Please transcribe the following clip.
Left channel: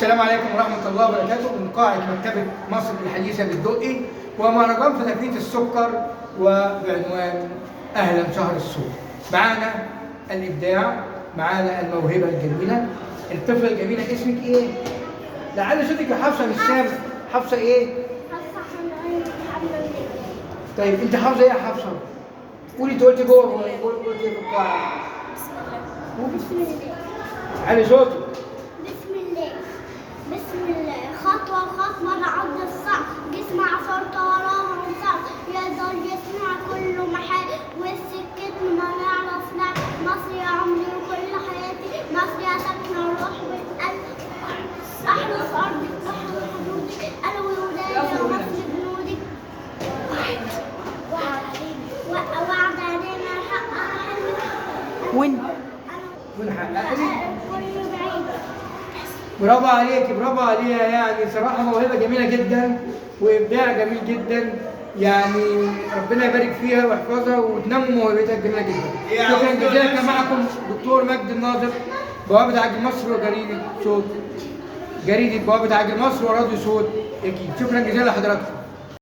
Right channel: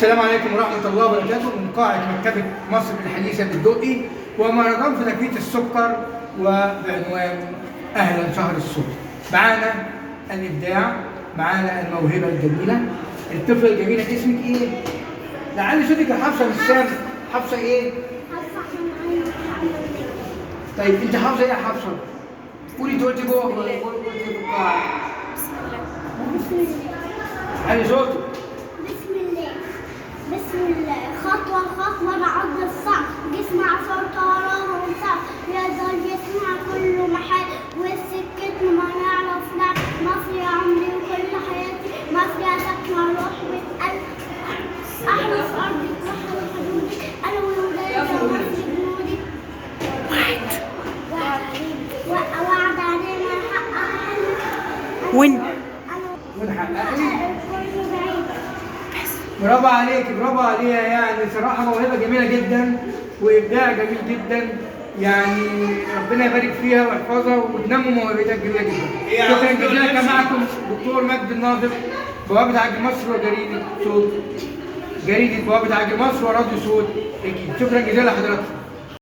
السلام عليكم ورحمة الله وبركاته من قاعة مكتبة مصر الحديثة بالدقي ومهرجان في تنفيذ السكر وبعنوان أهلا شهر الصوت. معانا الإبداع، معانا الموهبة الجميلة، الطفلة الجميلة. اسمك إيه؟ لعل صوتك يا حفصة مش سامع. حفصة إيه؟ طيب أنت حافظة إيه يا حفصة؟ قولي أنت قلتي جوه قلتي في القاعة. بسم الله. علي صوتك. بسم الله خطوة خطوة نعض الصعب جسم عصر طارة وصعب يقدر يسمع كل محل والسكت ما نعرف نعرف مصر يا عمري وكل حياتي مصر يا سكن الروح والقلب أحلى في أرضك بحر حدودك أنا وولادي يا مصر جنودك وعد علينا حقها ونحقق. برافو عليك، برافو عليها. يعني صراحة موهبة جميلة جدا وإبداع جميل جدا. يعني ربنا يبارك فيها ويحفظها وتنموا موهبتها الجميلة جدا. شكرا جزيلا. كان معكم دكتور مجدي الناظر، بوابة عجل مصر وجريدة صوت. جريدة بوابة عجل مصر وراديو صوت أكيد. شكرا جزيلا لحضراتكم.